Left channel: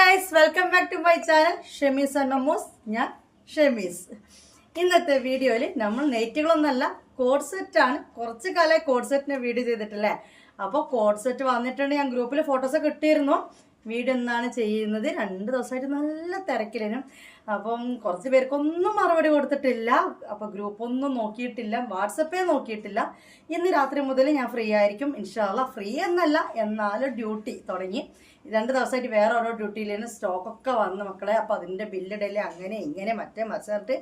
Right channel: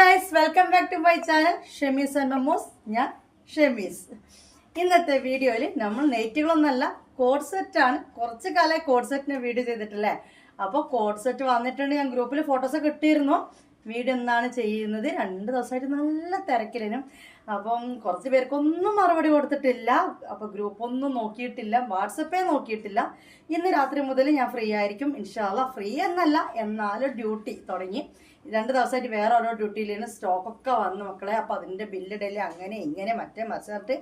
Guys, welcome back to my channel Shemees and Mammoos. ഞാൻ ഷെമീസ്. ഇന്നത്തെ വീഡിയോയിൽ നമ്മൾ നെയ്റ്റുകളൊന്നല്ല, കോഡ് സെറ്റാണ്. കുറച്ച് കാലമായി കോഡ് സെറ്റിന് വീഡിയോ ചെയ്തിട്ടില്ലേ. അപ്പോൾ കോഡ് സെറ്റ് വന്നിട്ടുണ്ട്. ഞാൻ ഗ്രൂപ്പിൽ ഫോട്ടോസൊക്കെ ഇട്ടിരുന്നു. വീഡിയോ എന്നാണ് ചെയ്യുന്നത്. 2 ദിവസമായിട്ട് നല്ല തിരക്കിലും. അപ്പം കുറച്ച് പേർക്കൊന്നും മറുപടി കൊടുത്തിട്ടില്ല. അപ്പോൾ ഗ്രൂപ്പൊന്നും നോക്കിയിട്ടില്ല, വാട്സപ്പേ നോക്കിയിട്ടില്ല. ഇന്ന് രാത്രി മുതൽ ഞാൻ ഫ്രീ ആയിരിക്കും ഇൻഷാ അല്ലാഹ്. ഫ്രീ എന്നല്ല, എന്നാലും ഡ്യൂട്ടി തുടങ്ങി. 2 ദിവസമായിട്ട് വേറെ ഓരോ ഡ്യൂട്ടിയിലേന്ന് സ്റ്റോക്കൊക്കെ വന്ന് മക്കളെ. അപ്പോൾ അതിൻ്റെ ബില്ലിടല് അങ്ങനെ ഇങ്ങനെ മറ്റേ മറിച്ചിട്ട്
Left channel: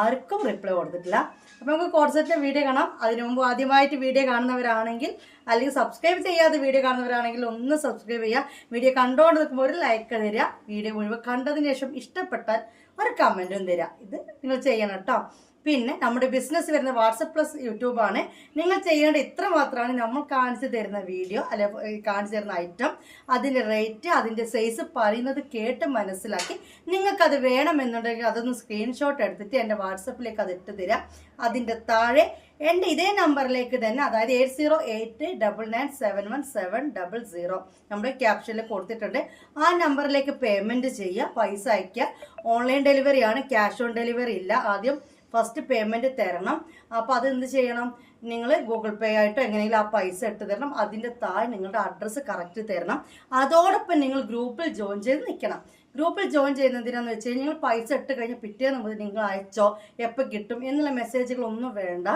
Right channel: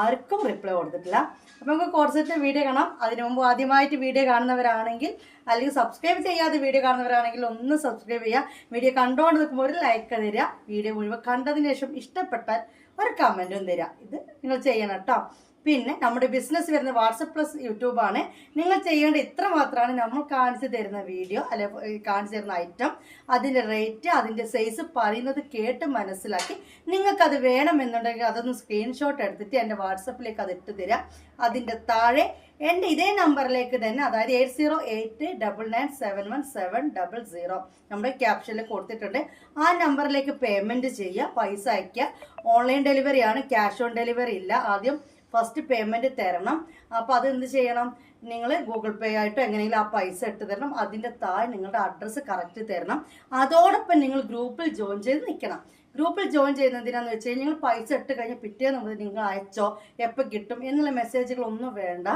ആർക്കും റിപ്ലൈ കൊടുത്തിട്ടില്ല. അപ്പോൾ നമുക്ക് കോഡ് സെറ്റ് വീഡിയോ കാണാം. അതിനു മുമ്പ് ആദ്യമായിട്ട് വീഡിയോ കാണുന്നവരാണെങ്കിൽ, അല്ലെങ്കിൽ സബ്സ്ക്രൈബ് ചെയ്യാതെ വീഡിയോ കാണുന്നവരാണെങ്കിൽ ഒന്ന് സബ്സ്ക്രൈബ് ചെയ്യുക. വീഡിയോ കണ്ടുകൊണ്ട് നിൽക്കുമ്പോൾ ഒരു ലൈക്ക് തരിക. വീഡിയോ മുഴുവൻ കണ്ടതിന് ശേഷം ഇഷ്ടപ്പെട്ടാൽ ഒരു കമൻറ്റും തരിക. ഇത് നിങ്ങൾ ചെയ്യണം കേട്ടോ. പിന്നെ നമ്മുടെ ബിസിനസ് വരുന്ന വാട്സപ്പ് പ്ലസ് യൂട്യൂബാണ്. നിങ്ങൾ ചെയ്യേണ്ട ഇത്ര മാത്രമാണ്. നമ്മൾ കാണിച്ചു തരുന്ന വീഡിയോ അല്ലെ കാണിച്ചു തരുന്ന ഐറ്റം, അതിൻ്റെ റേറ്റ്, അതിൻ്റെ സൈസ് പറയുന്നത് കേട്ട് മനസ്സിലാക്കി നിങ്ങൾക്കത് വേണമെന്നുണ്ടെങ്കിൽ അതൊന്ന് സ്ക്രീൻഷോട്ട് എടുത്തിട്ട് എൻ്റെ വാട്സപ്പിലേക്ക് അത് ഇട്ട് തരാം. അതിൻ്റെ താഴെ എൻ്റെ ഇതേ നമ്പറിലേക്ക് തന്നെ, അതായത് 8089971700 നമ്മുടെ ക്യാപ്ഷനിൽ കൊടുത്തിട്ടുണ്ട്. ആ നമ്പറിലേക്ക് പേയ്മെൻറ്റ് ചെയ്യുക, പൈസ അയയ്ക്കുക. ഓൺലൈൻ ഡെലിവറിയാണ്, ക്യാഷ് ഓൺ ഡെലിവറി ഇല്ല. ആദ്യം ഫസ്റ്റ് പേയ്മെൻറ്റ് തരണം. അപ്പോൾ അത് എന്ത് ചെയ്യണം, നിങ്ങൾ ഗൂഗിൾ പേ ആയിട്ടോ എങ്ങനെയെങ്കിലും ആ പൈസ ഇട്ട് തരണം. അതിൻ്റെ താഴെ നിങ്ങളുടെ അഡ്രസ്സ് കറക്റ്റ് തരണം. അതോടൊപ്പം നിങ്ങൾ ഗ്രൂപ്പിൽ ജോയിൻ ചെയ്ത് നിൽക്കണം. ഗ്രൂപ്പിൽ ജോയിൻ ചെയ്യുന്നതിനാന്ന് വെച്ച് കഴിഞ്ഞാൽ നിങ്ങൾ പൈസ ഇട്ട് കഴിഞ്ഞ് പിറ്റേന്ന് മുതൽ നിങ്ങൾ അയച്ചോ, എപ്പോൾ കിട്ടും എന്നുള്ള മെസ്സേജുകളൊന്നും വേണ്ട.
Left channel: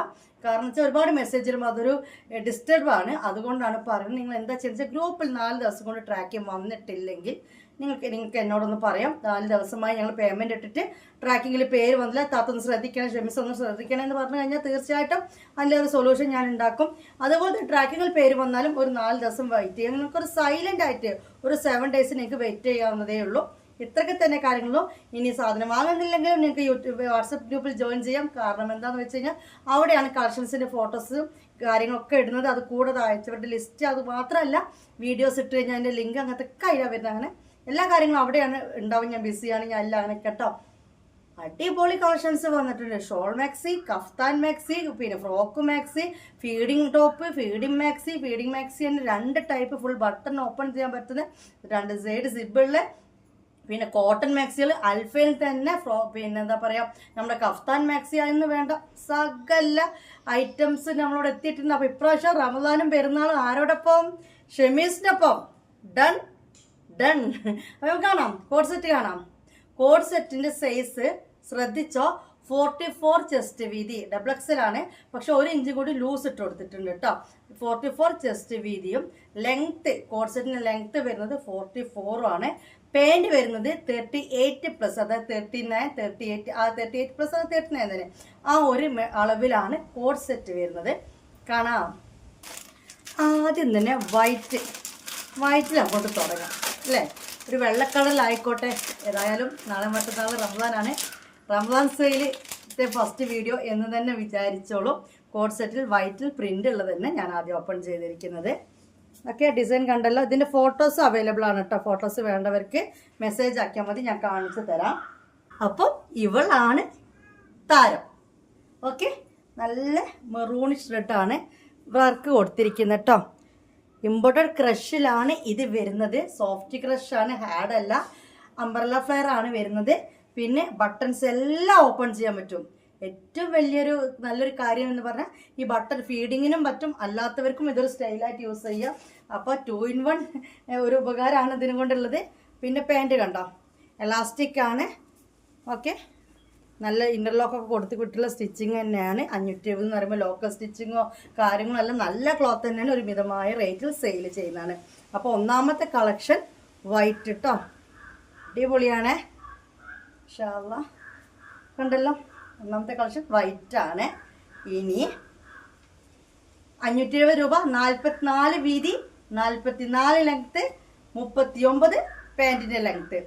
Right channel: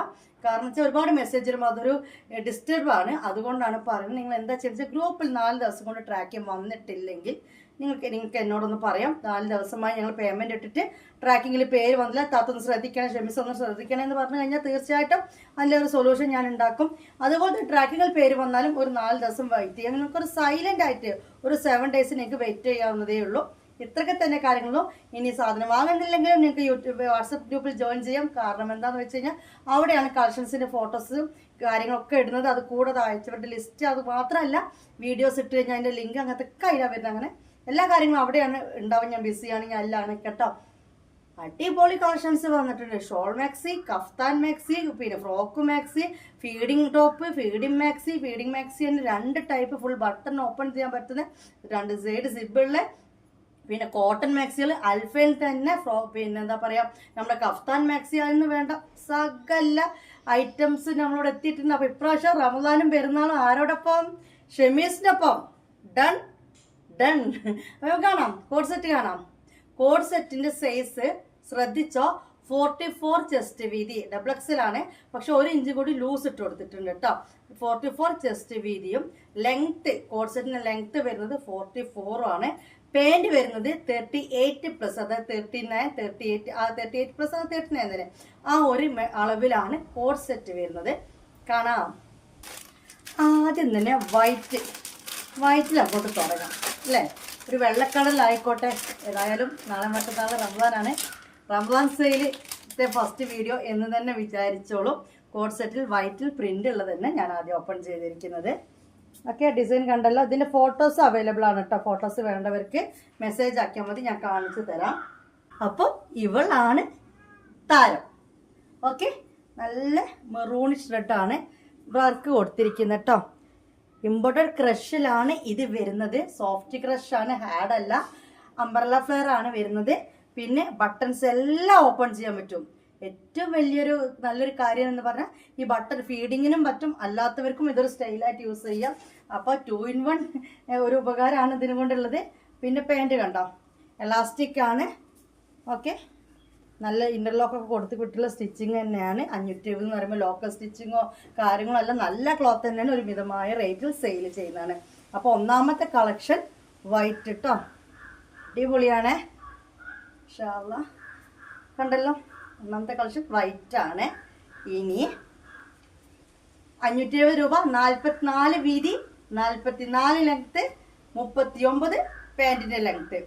കാരണം വെച്ചാൽ ഒരുപാട് മെസ്സേജുകളും അതൊരു ഡിസ്റ്റർബാണ്. അതുകൊണ്ടാണ് പറയുന്നത്. നിങ്ങൾ എന്താ ചെയ്തെന്ന് വെച്ചാൽ ഗ്രൂപ്പിൽ 4 ദിവസം കൊണ്ട് ട്രാക്കിംഗ് വന്നിട്ടില്ലെങ്കിൽ നിങ്ങൾക്ക് എന്നോടൊന്ന് പറയാം. 4 ദിവസമായി ഞങ്ങൾ പേയ്മെൻറ്റ് ഇട്ടിട്ട് ട്രാക്കിങ്ങിൽ പേര് വന്നില്ല, താത്തൊന്ന് ശ്രദ്ധിക്കണം, ഷെമീസ് ഒന്ന് ശ്രദ്ധിക്കണം എന്ന് പറഞ്ഞു കഴിഞ്ഞാൽ തീർച്ചയായിട്ടും അതിലൊരു സൊല്യൂഷൻ ഞാൻ ഉണ്ടാക്കും. അതുപോലെ ട്രാക്കിങ്ങിൽ പേര് വന്നാലും ഒരു 4 ദിവസം വെയിറ്റ് ചെയ്യാം. നിങ്ങൾക്കൊരു സൈലൻ്റ് ആയിട്ട് ഒരു 7 ഡേയ്സ് നിങ്ങൾക്ക് വെയിറ്റ് ചെയ്യാവുന്നതേ ഉള്ളൂ. ഇത്രയൊക്കെ തന്നെ കാര്യങ്ങളും. ഇനി സാധനം വാങ്ങുന്നില്ലെങ്കിലും നിങ്ങൾക്ക് യൂട്യൂബ് വാട്സപ്പ് ഗ്രൂപ്പിൽ ജോയിൻ ചെയ്യാം. കാരണം എന്താണെന്ന് വെച്ച് കഴിഞ്ഞാൽ അവിടെയാണ് കളക്ഷൻസിൻ്റെ ഫോട്ടോസും കാര്യങ്ങളൊക്കെ ഇടുന്നത്. അത് കൂടാതെ അയച്ചവരുടെ ലിസ്റ്റ്, അത് മാത്രമല്ല വീഡിയോസ് ഇട്ട് കഴിഞ്ഞാൽ അതിൻ്റെ ലിങ്ക് അങ്ങനത്തെ ഒക്കെ അതിലാണ് വരുന്നത്. അങ്ങനെ എല്ലാ കാര്യങ്ങളും അവിടെയാണ് ഉണ്ടാവും. ഞാൻ ബിസിയാണ്, ഞാൻ എല്ലാം അങ്ങനെ കേട്ടോ. അടിപൊളി കളക്ഷൻസ് വന്നിട്ടുണ്ട്. ഷോൾ മാക്സി, കഫ്താൻ മാക്സി, പിന്നെ frock maxi, feeding top, feeding maxi. Feeding maxi തന്നെ 2 ടൈപ്പ്, ഫുൾ ബട്ടൺ ഓപ്പൺ ചെയ്യാൻ പറ്റുന്ന 2 സൈഡ് സിബുള്ള, പിന്നെ കോട്ടൺ മാക്സികൾ അൽഫയിൽ തന്നെ. പിന്നെ എന്താ പറയുക, നമ്മുടെ കഫ്താൻ മാക്സി എന്ന് വേണ്ട സകല ഐറ്റംസ് നമ്മളോട് എത്തിയിട്ടുണ്ട്. അപ്പോൾ ഇപ്രാവശ്യം റമദാനും പെരുന്നാളും ആരോടൊപ്പം? ഷെമീസിൻ്റെ ഒപ്പം. Done done. അപ്പോൾ കാണാം, കോഡ് സെറ്റ് കാണാം. കോഡ് സെറ്റിൻ്റെ സൈസ് ശ്രദ്ധിച്ചോ, 44 ചെസ്റ്റ് വീതി, XXL ആണ്. പക്ഷെ 1 ഇഞ്ച് കൂടി ലൂസ് ഇട്ട് കൊടുത്തിട്ടുണ്ട് കേട്ടോ. 44 ചെസ്റ്റ് വീതിയും ലെങ്ത്ത്, കോഡ് സെറ്റിൻ്റെ ലെങ്ത്ത് വരുന്നത് 44 ആണ്. പാൻറ് വരുന്നത് 38+, അതായത് 39, 38, 38+ 39 തന്നെ, ആ ഒരു അളവിലാണ് കോഡ് സെറ്റ് വരുന്നത്. കാണാം. ആദ്യം തന്നെ വൈറ്റിൽ അങ്ങോട്ട് തുടങ്ങാം അല്ലേ. ഒരു വെള്ളക്കടലായിക്കോട്ടെ. ഏതായാലും നാളെ മറ്റന്നാൾ റംസാനാണ്. റംസാൻ സെയിലിൻ്റെ ഫസ്റ്റ് വീഡിയോ എന്ന് തന്നെ വിചാരിച്ചോളൂ. കോഡ് സെറ്റിൽ വൈറ്റിൽ പ്രിൻ്റ് ഉള്ളത് തന്നെ ഞാൻ ആദ്യം ഓപ്പൺ ചെയ്തിരിക്കുന്നത്. ഓക്കെ, ഡിസൈൻ കണ്ടല്ലോ. ഇതിൻ്റെ ഫോട്ടോസ് അവൈലബിൾ ആണ് കേട്ടോ. ഫോട്ടോസ് വേണ്ടവർക്ക് മെസ്സേജ് ആക്കിയാൽ മതി, ഞാൻ കാണിച്ചു തരാം. അപ്പോൾ ഇവളാണ് താരം. ഓക്കെ, നല്ല മെറൂണിഷ് റെഡാണ് വർക്ക് കൊടുത്തിരിക്കുന്നത് കേട്ടോ. ഇമ്പോർട്ടഡ് ക്രഷിലാണ് ഇത് വരുന്നത്. സോഫ്റ്റ് ക്രഷാണ്, ഹാർഡ് അല്ല. അംബ്രല്ല ഫ്ലെയർ ആണ് വരുന്നത്. പിന്നെ ബട്ടൺസ് എല്ലാം ഓപ്പൺ ചെയ്യാൻ പറ്റും. ഏറ്റവും വലിയൊരു നല്ലൊരു കാര്യം എന്ന് പറഞ്ഞാൽ ഈ ബട്ടൺ ഫീഡിങ്ങിനും പറ്റും, അല്ലാത്തവർക്കും ഇതൊരു സ്റ്റൈലായിട്ട് യൂസ് ചെയ്യാം. അപ്പോൾ 2 in 1 ഒരു ഉപകാരമാണ് ഇതിനും കൊണ്ടുള്ളത്. പിന്നെ പാൻറ് കണ്ടോ, എലാസ്റ്റിക് ആണ്. ഓക്കെ, നല്ല ഇൻ്റർലോക്കൊക്കെ കൊടുത്ത് കിട്ടുള്ള സ്റ്റിച്ചിങ് തന്നെയാണ്. 520 എന്ന് പറയുമ്പോൾ ലോക്കൽ സ്റ്റിച്ചിങ്ങോ കാര്യങ്ങളോ അല്ല, നല്ല ക്ലോത്ത് തന്നെയാണ്. ഒരു മിതമായ റേറ്റിൽ സെയിൽ ചെയ്യുന്നതാണ്. അപ്പോൾ ഒന്നാമത്തെ കളക്ഷൻ വൈറ്റ് കേട്ടോ, അടിപൊളിയാണ്. ഇൻഷാ അല്ലാഹ് കണ്ടല്ലോ, ഒന്നാമത്തെ കളക്ഷൻ വൈറ്റ് ആണ്. ഇനി 570 രൂപ, 44 വീതി, 44 ലെങ്ത്ത്, 39 പാൻറ്റിൻ്റെ length.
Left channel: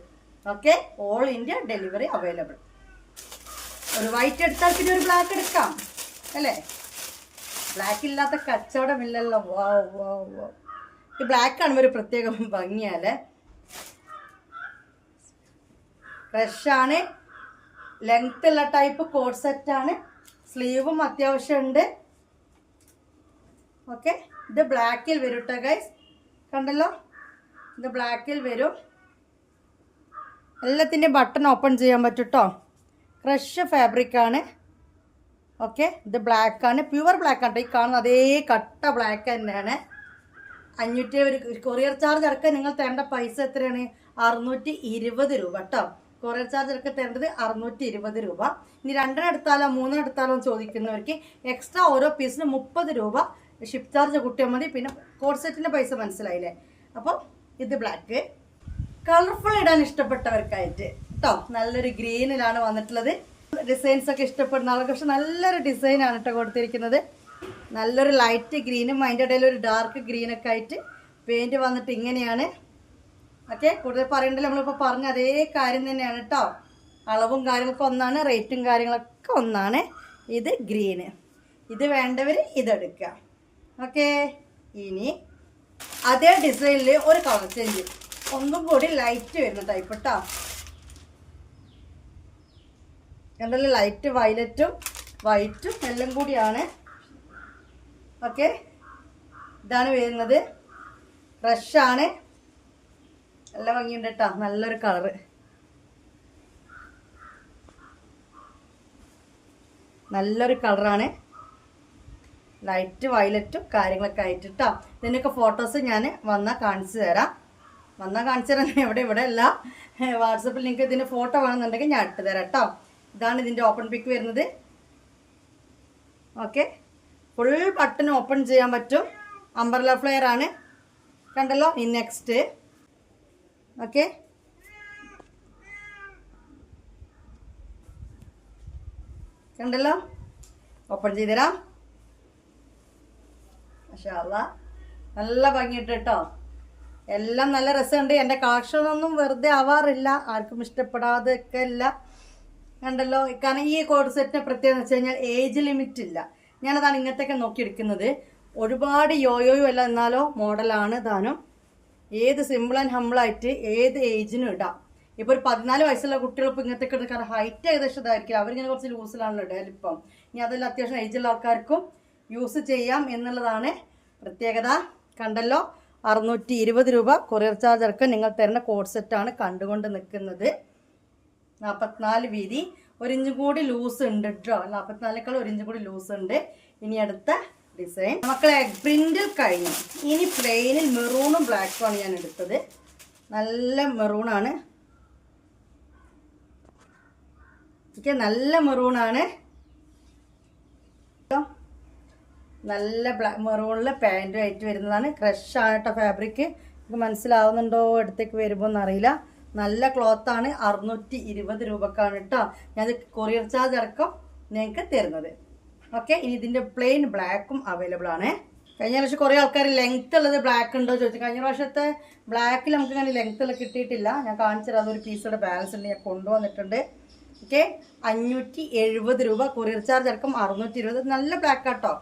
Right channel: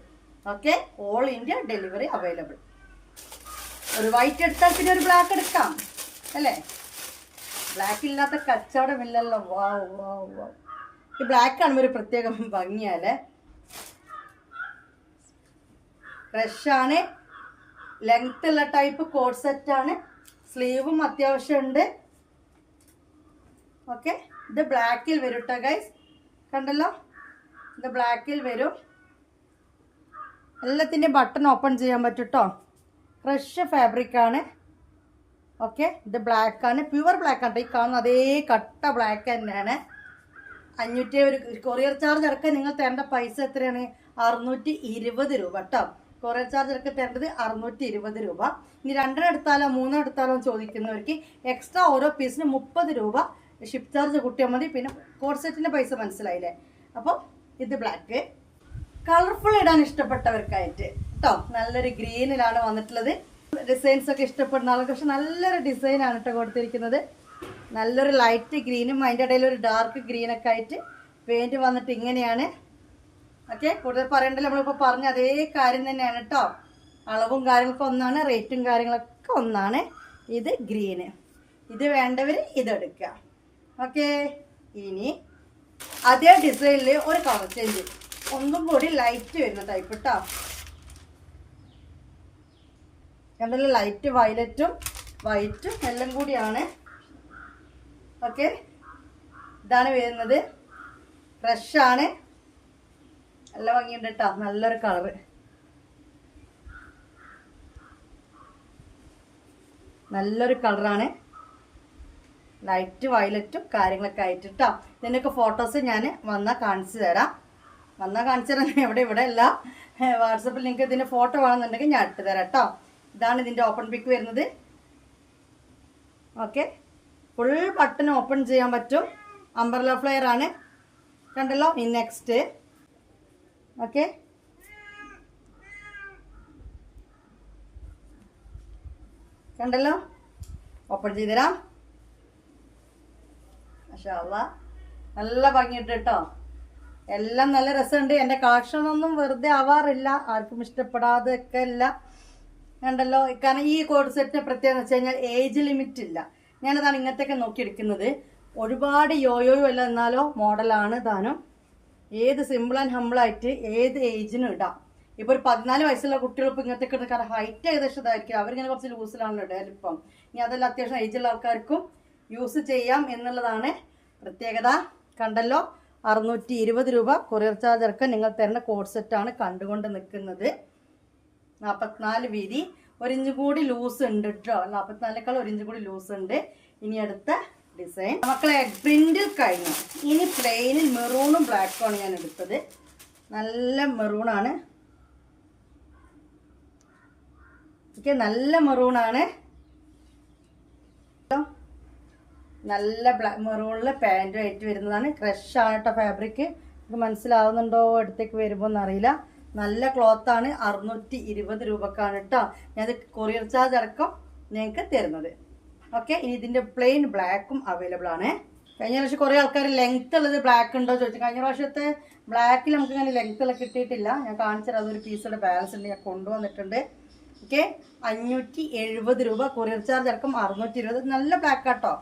Okay, all India delivery available. ഒരു വൈറ്റ് എടുത്താൽ പിന്നെ ഒരു ബ്ലാക്ക് എടുക്കാം അല്ലേ. ബ്ലാക്ക് ഇല്ലാത്ത കച്ചവടമില്ലല്ലോ. വാ വാ വാ. ഈ ബ്ലാക്ക് കാണുമ്പോൾ ഒരു പ്രത്യേക ഭംഗിയല്ലേ. ഫ്രഷാണ്, ലെങ്ത് ഉള്ള ടൈപ്പ് കോഡ് സെറ്റാണ്. സ്ലീവും അത്യാവശ്യം ഉണ്ട്. ഓക്കെ, ഇത് ബ്ലാക്കിൽ വരും കേട്ടോ ഗൈസ്. കണ്ടല്ലോ, ഇത് ബ്ലാക്കിൽ വരും. എല്ലാത്തിൻ്റെ ബട്ടൺ ഓപ്പൺ ചെയ്യാൻ പറ്റും കേട്ടോ. ക്രഷ് ഫാബ്രിക്കാണ്. ഓക്കെ, ഇത് ബ്ലാക്കാണ്, പ്യുവർ ബ്ലാക്ക് ആണ്. ഈ കാണുന്ന അതേ കട്ട ബ്ലാക്ക് തന്നെയാണ്. 500 കൊറിയർ ചാർജ് അടക്കം നിങ്ങൾ തരേണ്ട പൈസ എത്രയാണ്? 620 രൂപ കേട്ടോ. കൊറിയർ ചാർജ് അടക്കം തരേണ്ടത് 620 രൂപ. ഇനി 2 എടുത്താലോ 3 എടുത്താലോ ചോദിക്കുന്നവർക്ക് എക്സ്ട്രാ ഓരോ പീസിന് 30 രൂപ ഷിപ്പ് ചാർജ് കൂട്ടിയാൽ മതി. പിന്നെ കോഡ് സെറ്റിൻ്റെ പൈസ മനസ്സിലായില്ലേ? അപ്പോൾ ഇത് ബ്ലാക്ക്. കളർഫുൾ ഇടാൻ ഇഷ്ടപ്പെട്ടവർക്കായിട്ട് കേട്ടോ, നല്ലൊരു ഗ്രീനിലാണ് വന്നിട്ടുള്ളത്. ഡിസൈൻസ് ഒക്കെ ഇഷ്ടപ്പെടുന്ന ആൾക്ക് പക്ഷെ നല്ലൊരു ഡിസൈനാണ് കേട്ടോ കൊടുത്തിരിക്കുന്നത്. നല്ലൊരു ലൈറ്റ് ഗ്രീനും അതിൻ്റെ ഇടയിൽ ഒരു ഡാർക്ക് ഗ്രീനൊക്കെ ആയിട്ട് പെയിൻറ്റ് വന്നിട്ട് ഇങ്ങനെയാണ്. ഓക്കെ, കൂടുതൽ പറയണ്ടല്ലോ, നമ്മളിപ്പോൾ പറഞ്ഞ അതേ കാര്യം തന്നെയാണ് കേട്ടോ. അളവും കാര്യങ്ങളൊക്കെ ഒന്നാണ്, റേറ്റും കാര്യങ്ങളൊക്കെ ഒന്നാണ്. ഇത് ഗ്രീന്, ഇത് വേണ്ടവർ ഇതെടുക്കുക. ഓക്കെ, ഇനി അതേ ഡിസൈനിൽ ഒരു കളർ ചേഞ്ച്, ഒന്നും കൂടി ലൈറ്റ് വരുന്ന ടൈപ്പ് കേട്ടോ. എന്തെങ്കിലും ലൈറ്റ് വയലറ്റും വൈറ്റും എല്ലാം കൂടിയാണ്. ഓക്കെ, ഇതാണ് വരുന്നത്. ഫ്രഷാണ്, നല്ല ഭംഗിയുണ്ട് കേട്ടോ. നല്ലൊരു കളറ്, നല്ലൊരു കളറാണ്. ലൈറ്റ് വയലറ്റും കാര്യങ്ങളൊക്കെ ആയിട്ട് കേട്ടോ. ഇതിൻ്റെയൊക്കെ ഫോട്ടോസ് ഞാൻ വന്നാൽ കാണിച്ചു തരാം. ഇവിടെ അല്ല, വാട്സപ്പിൽ നിങ്ങൾക്ക് ഇതിൻ്റെ ഫോട്ടോ വേണമെന്നുണ്ടെങ്കിൽ ഞാൻ ഇട്ട് തരാം കേട്ടോ. ഇതാണ് ഇതിൻ്റെ ഓപ്പൺ പിക്ക് വരുന്നത്. ഓക്കെ, ഫുൾ ബട്ടൺ ഓപ്പൺ ചെയ്യാൻ പറ്റും. അംബ്രല്ല ഫ്ലെയർ ആണ്, കണ്ടല്ലോ. ഇനി നെക്സ്റ്റ്. ഓക്കെ, കണ്ടല്ലോ, ഓപ്പൺ ചെയ്ത് തരാം. മാഷാ അല്ലാഹ്, നല്ല ഭംഗിയിട്ട് കേട്ടോ. എല്ലാം നല്ല രസമുണ്ട്. എൻ്റെ കളക്ഷനൊന്നും വെറുതെ ആവാറില്ല, ആർക്കും ഇഷ്ടപ്പെടാതെയൊക്കെ അല്ല. കണ്ടല്ലോ, കാരണം ഈ കോഡ് സെറ്റിന് പ്രത്യേകത വെച്ച് കഴിഞ്ഞാൽ ഏജ് ലിമിറ്റ് ഇല്ല. ഞാനതാണ് ഇങ്ങനത്തെയൊക്കെ നോക്കിയെടുക്കുന്നത്. ഒരുപാട് യോയോയും അല്ല, എന്നാലോ മോഡലാണ് താനും. ഏത് സിമ്പിൾ ആൻഡ് ഹമ്പിളായിട്ട് ഏത് ഏജിനും ഇടാം. ഇപ്പോൾ ഒരു 14 വയസ്സുള്ള കുട്ടികൾ ഇപ്പോൾ ഇങ്ങനത്തെയൊക്കെ ഇടുന്ന, കാരണം ഹൈറ്റ് ഏകദേശം ഇതായിരിക്കും. അവരിങ്ങനെ കുറച്ച് ലൂസിലാണല്ലോ ഇടാൻ ഇപ്പം. ഇനി അതെല്ലാം അത്യാവശ്യം ഏജുള്ള ആൾക്കാർക്കും യൂസ് ചെയ്യാം എന്നുള്ളതാണ് പ്രത്യേകത. കണ്ടല്ലോ, 620 രൂപ കൊറിയർ ചാർജ് അടക്കം നിങ്ങൾ തരുന്ന കോഡ് സെറ്റാണ് കണ്ടുകൊണ്ട് നിൽക്കുന്നത്. 44 വീതി, 1 ഇഞ്ച് കൂടി ലൂസ് ഉണ്ട് കേട്ടോ. 44ക്കാൾ 1 ഇഞ്ച് കൂടി ലൂസ് ഉണ്ട്. ഇനി അടുത്ത ഡിസൈൻ മക്കളെ പ്രിന്റിൽ കഴിഞ്ഞു. ഇനി പ്ലെയിനിൽ മെറൂണും ബ്ലാക്കുമാണ് ഞാൻ എടുത്തത്. നല്ല മെറൂണാണ്. ഓക്കെ, നല്ല മെറൂണാണ്. നല്ല മെറൂണിൽ പാൻറ്റും ആയിട്ട് വരുന്നതാണ്. ക്രഷ് ആണ് കേട്ടോ ഫാബ്രിക്. ഇത് മനസ്സിലാവുന്നുണ്ടോ അടുത്തേക്ക് വരുമ്പോൾ എന്നറിയില്ല. നല്ല ക്ലോത്താണ്. 620 രൂപക്കാണ് കേട്ടോ ഞാനത് കൊറിയർ ചാർജ് അടക്കം ഞങ്ങൾക്ക് തരുന്നത്. ഓക്കെ, ഇനി ഇതിൻ്റെ പ്ലെയിൻ ബ്ലാക്കും അവൈലബിൾ ആണ്. കഴിഞ്ഞ പ്രാവശ്യം കുറേ ആൾക്കാർ ലെങ്ത് ഉള്ളത് ബ്ലാക്ക് ഉണ്ടോ ചോദിച്ചു. കഴിഞ്ഞ പ്രാവശ്യത്തെ ബ്ലാക്കിൽ നമുക്ക് ഇങ്ങനെ ലെങ്ത് ഉള്ള കിട്ടിയിട്ടില്ല. ഞാൻ കാണിച്ചത് അതൊരു പീസോടെ ബാലൻസ് ഉണ്ട്, ഞാൻ കൊണ്ടുവന്നിട്ടുണ്ട്. ഓക്കെ, 570 രൂപ കൊറിയർ ചാർജ് അടക്കം 620. നല്ല ബ്ലാക്ക് കേട്ടോ,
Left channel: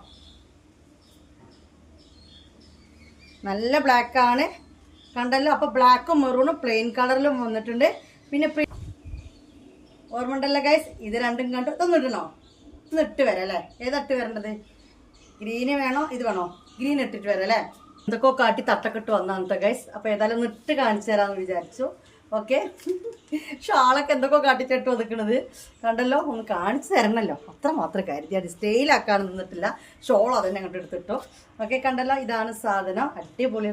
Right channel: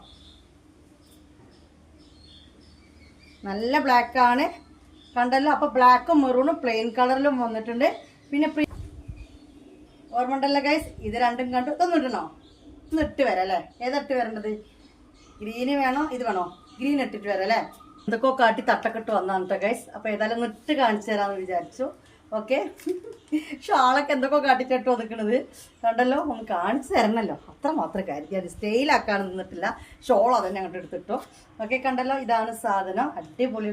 നല്ല ബ്ലാക്കാണ്. കണ്ടല്ലോ, അപ്പോൾ ബ്ലാക്കും മെറൂണും പ്ലെയിൻ കളറിലും വന്നിട്ടുണ്ട്. പിന്നെ ഓർമ്മ ഉണ്ടല്ലോ ഗൈസ്, ഇത് രണ്ടും കണ്ടു. ഇതൊന്നും ഇടണോ? ഒന്ന് ഇട്ട് വരാം അല്ലേ? ഏതാ ഇട്ട് വരേണ്ടത്? ഗ്രീന് വേണോ ഇത് വേണോ? ഗ്രീൻ ഇട്ടിട്ട് വരാം അല്ലേ? എന്തൊക്കെ കാട്ടി തട്ടക്കെട്ട് വന്നതാണ് ഗൈസ്. അപ്പോൾ ഏതായാലും ഒന്ന് ഇട്ട് കാണിച്ചു തരാമെന്ന് വിചാരിച്ചു. ഓക്കെ, ഷാളൊക്കെ എന്തൊക്കെ കാട്ടിച്ചിട്ട് ഒതുക്കണത് കണ്ടല്ലോ. ഒന്ന് കാണിച്ചു തരണമല്ലോ, അത്ര മാത്രം കരുതി. അത് സ്റ്റൈലാക്കാൻ നിന്നിട്ടില്ല. ഷോൾ അതന്നെ അങ്ങോട്ട് എടുത്തിട്ടു. ഓക്കെ, കണ്ടല്ലോ, ഇതാണ് സാധനം. അടിപൊളി.